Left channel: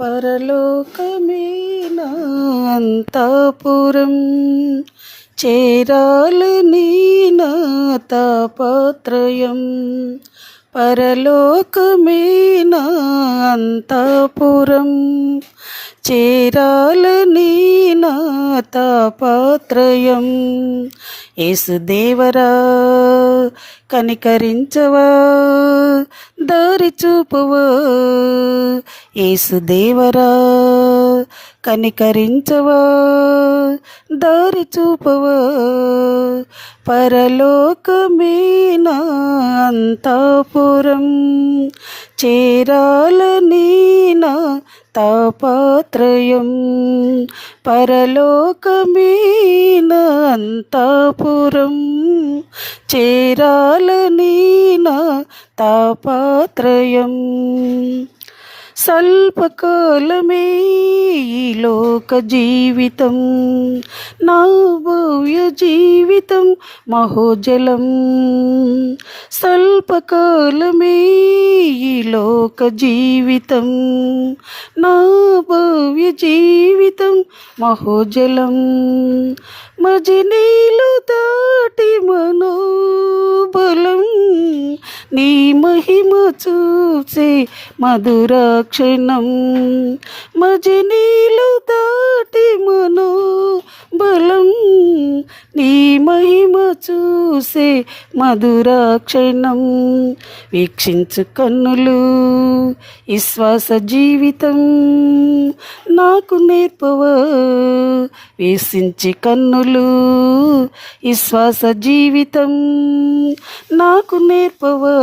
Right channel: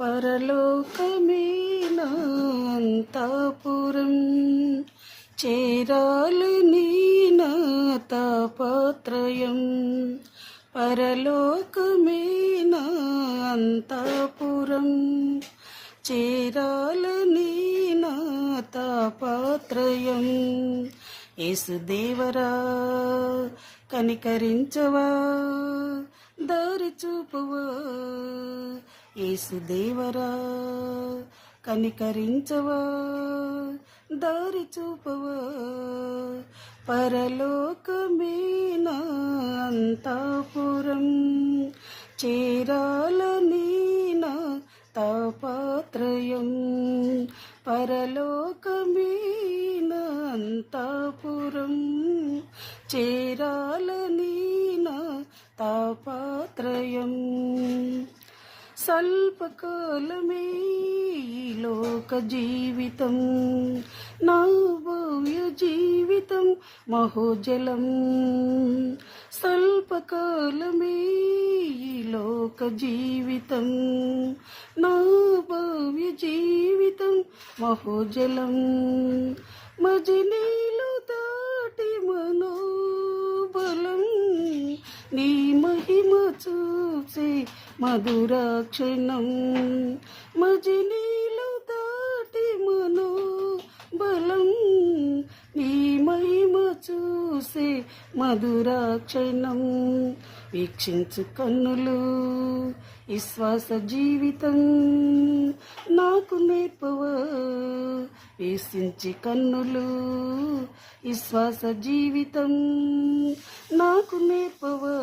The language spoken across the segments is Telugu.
పరలోకమే నా అంతపురం. చేరాలని నా తాపత్రయం. అంతపురం. చేరాలని నా తాపత్రయం. యేసుదేవరా కనికరించవా దారి చూపువా. యేసుదేవరా కనికరించవా దారి చూపవా. పరలోకమేనా అంతాపురం. చేరాలని నా తాపాత్రయం పరలోకమే నా అంతాపురం చేరాలని నా తాపాత్రయం స్వల్పకాలమే ఈ లోక జీవితం నా భవ్య జీవితం మహోజలం. స్వల్పకాలమే ఈ లోక జీవితం. నా భవ్య జీవితం మహోజలం. మజినీలు దాటి మనోబలం. నీ మహిమ చూసే మధురాక్షణం. మజినీలు దాటి మనోబలం. నీ మహిమ చూసే మధురాక్షణం వీక్షించు కన్నులు విశ్వాస జీవితం. నాకు నేర్పవా? వేసించి కన్నులు విశ్వాస జీవితం నాకు నేర్పవా?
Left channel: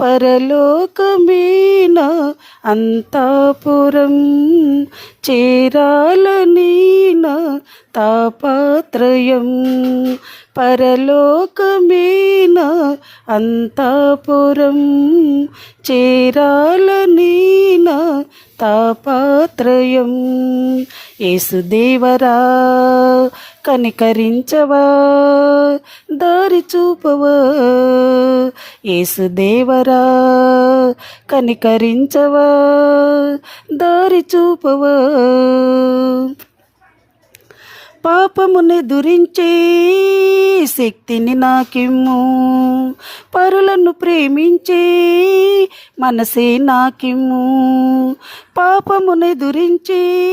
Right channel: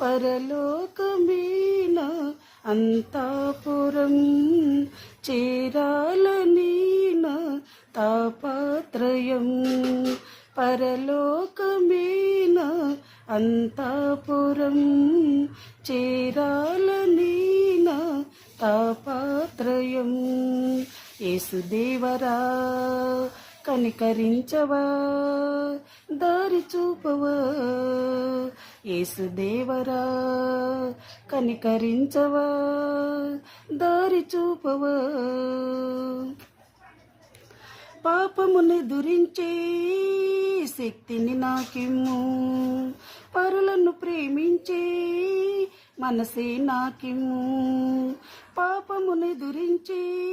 పరలోకమేన అంతాపురం చేరాలనీన తాపాత్రయం? పరలోకమేన అంతాపురం చేరాలని తాపాత్రయం యేసుదేవరా కనికరించవా దారి చూపవా. యేసుదేవరా కనికరించవా దారి చూపవా. పాపముని దురించే శక్తిని నాకిమ్ము. పరులను ప్రేమించే మనసే నాకిమ్ము. పాపముని దురించే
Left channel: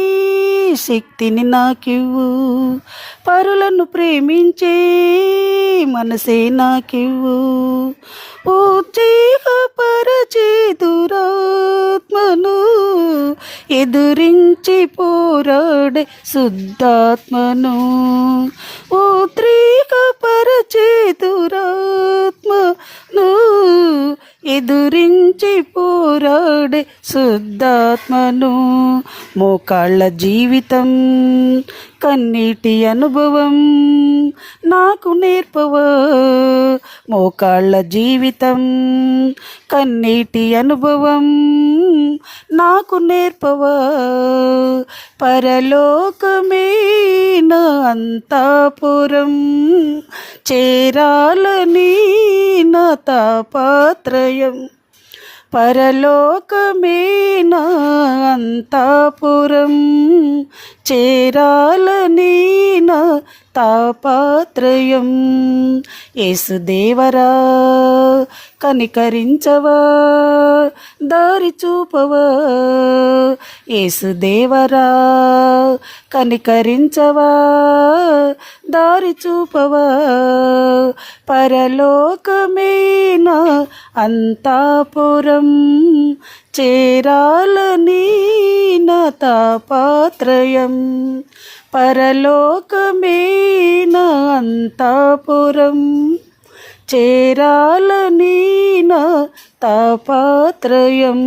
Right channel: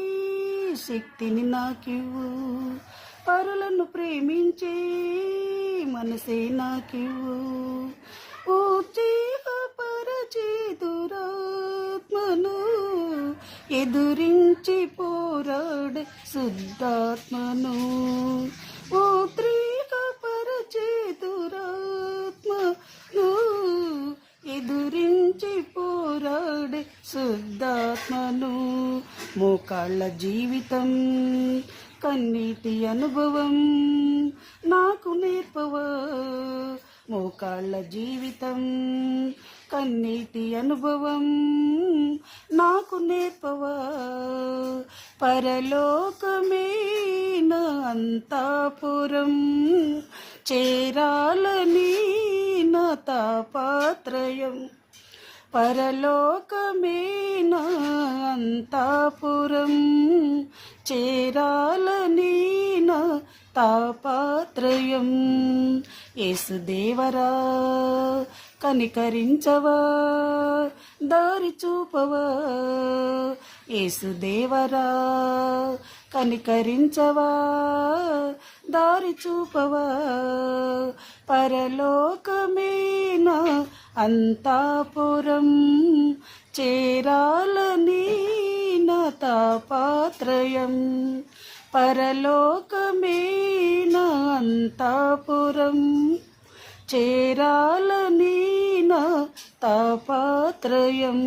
శక్తిని నాకివ్వు. పరులను ప్రేమించే మనసే నాకివ్వు. ఉజ్జీహపరచే దురాత్మను ఎదురించి పోరాడే శుద్ధాత్మను. ఎదురించి పోరాడే శుద్ధాత్మను మోకాళ్ళ జీవితం కన్నీటి అనుభవం నాకు నేర్పవా? మోకాళ్ళ జీవితం కన్నీటి అనుభవం నాకు నేర్పవా? పరలోకమే నా అంతాపురం చేరాలని తాపాత్రయం పరలోకమే నా అంతాపురం. చేరాలని తాపాత్రయం. యేసుదేవరా కనికరించవా దారి చూపవా. యేసుదేవరా కనికరించవా. దారి చూపవా? పరలోకమే అంతాపురం చేరాలని నా తాపాత్రయం? పరలోకమే అంతాపురం చేరాలని నా తాపాత్రయం?